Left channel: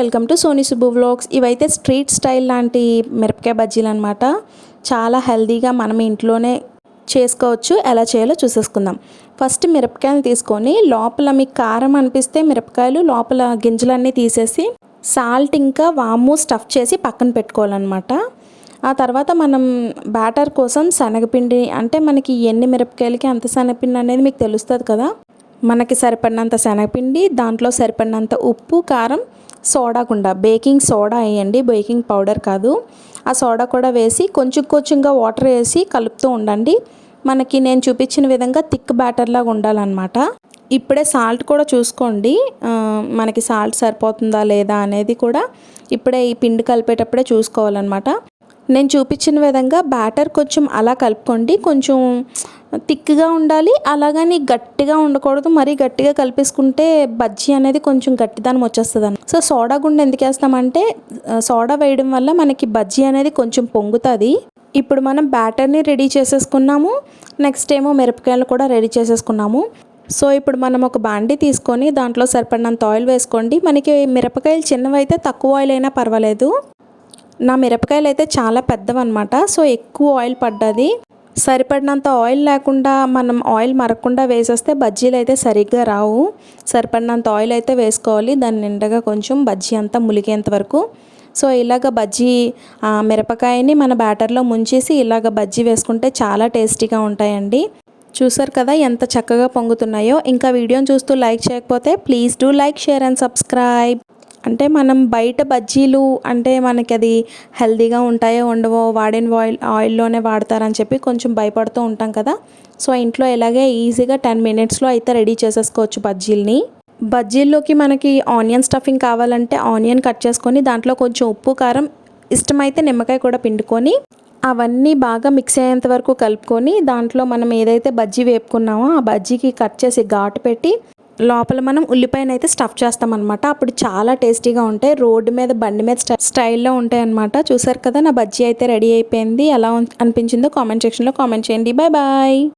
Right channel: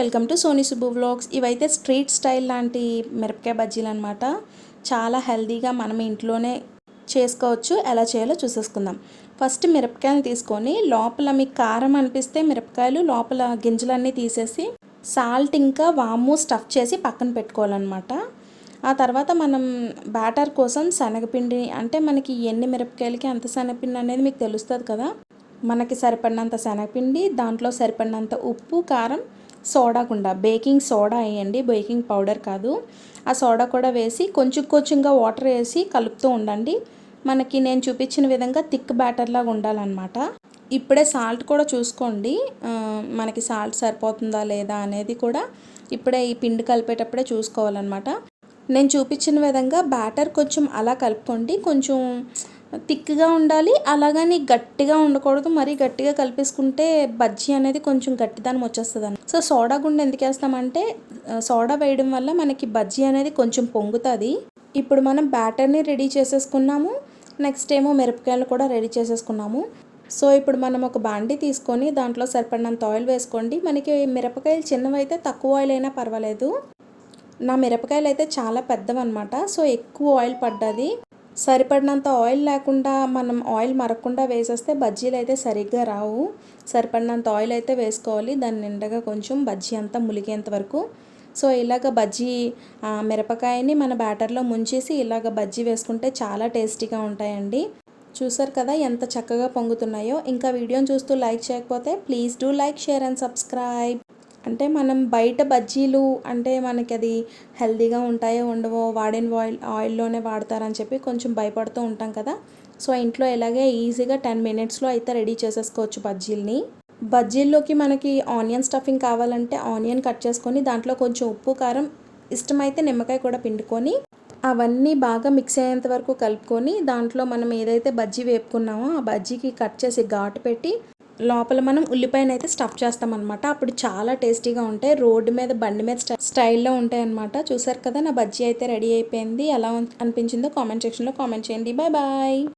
Welcome to Sony Subbu vlogs. ఇవైతే street style లాంటి మిరపకాయ బజ్జీలు అనమాట. చాలా హెల్తీగా మనం ఇంట్లోనే చేసుకోవచ్చు. ఎలా చేయాలో చూసేసుకుందాం. ఫస్ట్ మిరపకాయలు తీసుకొని లోపల మీకు కారం అనిపిస్తే మిరపకాయలు లోపల గింజలన్నీ తీసేసి సాల్ట్ ఇంకా వాము స్టఫ్ చేసి పక్కన పెట్టుకోవాలన్నమాట. ఆ తర్వాత మనం బ్యాటర్ కోసం శనగపిండి, అంటే మనకి ఎన్ని మిరపకాయలకి అంత శనగపిండి అనేది మీకు తెలుస్తుంది కదా. మనకి సరిపడినంత శనగపిండి, దాంట్లో సరిపడినంత ఉప్పు, కారం, సోడా కూడా, బేకింగ్ సోడా వేయండి, బేకింగ్ పౌడర్ కాదు. ఆ సోడా కూడా వేసి కొంచెం కొంచెంగా వాటర్ వేసి కలుపుతూ ఉండండి. మనకి నేను చూపించిన విధంగా థిక్ బ్యాటర్ లాగా ఉండాలన్నమాట. ఇప్పుడే సాల్ట్ కూడా చూసుకోండి, మనకి సాల్ట్ సరిపోతుందా లేదా అనేది కూడా ఇప్పుడే ఈ పిండి కలిపేటప్పుడే చూసుకోవాలన్నమాట. నేను చూపించిన విధంగా బ్యాటర్ కొంచెం అలా కలుపుకోండి. కొంచెం థిక్గా ఉండాలి, అలాగని గట్టిగా ఉండకూడదు. మరీ గట్టిగా కలిపేసుకుంటే బజ్జీ అనేది కొంచెం గట్టిదనం వచ్చేస్తుంది అన్న. సో సోడా గుండె ఎందుకు వేస్తామంటే సోడా వేయడం వల్ల మనకి బజ్జీ అనేది కొంచెం పొంగుతుంది. ఇప్పుడు మనం బ్యాటర్ని రెడీ చేసేసుకున్నాము, నెక్స్ట్ ఏమో మిరపకాయలు కూడా రెడీ చేసేసుకున్నాము. సో ఇప్పుడు మనం ఒక బాండీ తీసుకొని దాంట్లో సరిపడినంత ఆయిల్ వేసుకోండి. మనకి మిరపకాయలు చిన్నవి అయితే తక్కువ ఆయిల్ అయినా పర్వాలేదు. నా మిరపకాయలు అయితే చాలా పెద్దవన్నమాట, సో ఎక్కువ ఆయిల్ పడ్డది. సరిపడినంత ఆయిల్ లేకుండా మనం ఆయిల్ మరగకుండా వేసేస్తే బజ్జీలు అయితే సరిగ్గా రావు. సరిపడినంత ఆయిల్ అయితే వేసుకోవాలి, దాని నిండగా కొంచెం బజ్జీ అంతా ములిగేంత వరకు. సో ఇలాగ బజ్జీ మిరపకాయని మన బ్యాటర్లో ముంచేసి ఇలాగ బజ్జీ వేసుకుంటే చాలా టేస్టీగా ఉంటాయండి. చూసారు కదా ఎంత చక్కగా పొంగుతున్నాయో. ఇంకా వీడియోని చూస్తూ లైక్ చేయకపోతే please do like, share and subscribe. అంటే మనం బయట బజ్జీలు అంటే మనకి అది హెల్తీగా ఉంటాయో ఉండవో, వాడిన ఆయిల్లోనే వాడతారని చెప్పి కొంచెం భయపడుతూ ఉంటాం కదా. సో ఇంట్లో ఇలాగే ఈజీగా 10 మినిట్స్లో అయితే రెడీ చేసేసుకోవచ్చు బజ్జీలని. బజ్జీల్లోకి మనకి ఆనియన్ స్టఫింగ్ కావాలంటే ఆనియన్ కట్ చేసుకొని దాంట్లో కొంచెం ఉప్పు, కారం, ఇష్టమైతే నిమ్మకాయ కూడా పిండుకొని అవన్నీ బాగా మిక్స్ అయ్యేంత వరకు కలుపుకొని దాంట్లో మనం ఏదైతే బజ్జీ వేపుకున్నామో ఆ బజ్జీకి కట్ చేసి ఘాటు పెట్టి లోపల మనం ఉల్లిపాయను అయితే స్టఫ్ చేస్తామన్నమాట. అప్పుడు చాలా టేస్టీగా ఉంటాయి. రోడ్డు మీద బండి మీద స్టైల్లో ఉంటాయి అన్నమాట. చూసారు కదా, నా బజ్జీ అయితే రెడీ అయిపోయింది. ఎలా అనిపించిందో కామెంట్ సెక్షన్లో కామెంట్ చేయండి. Bye bye.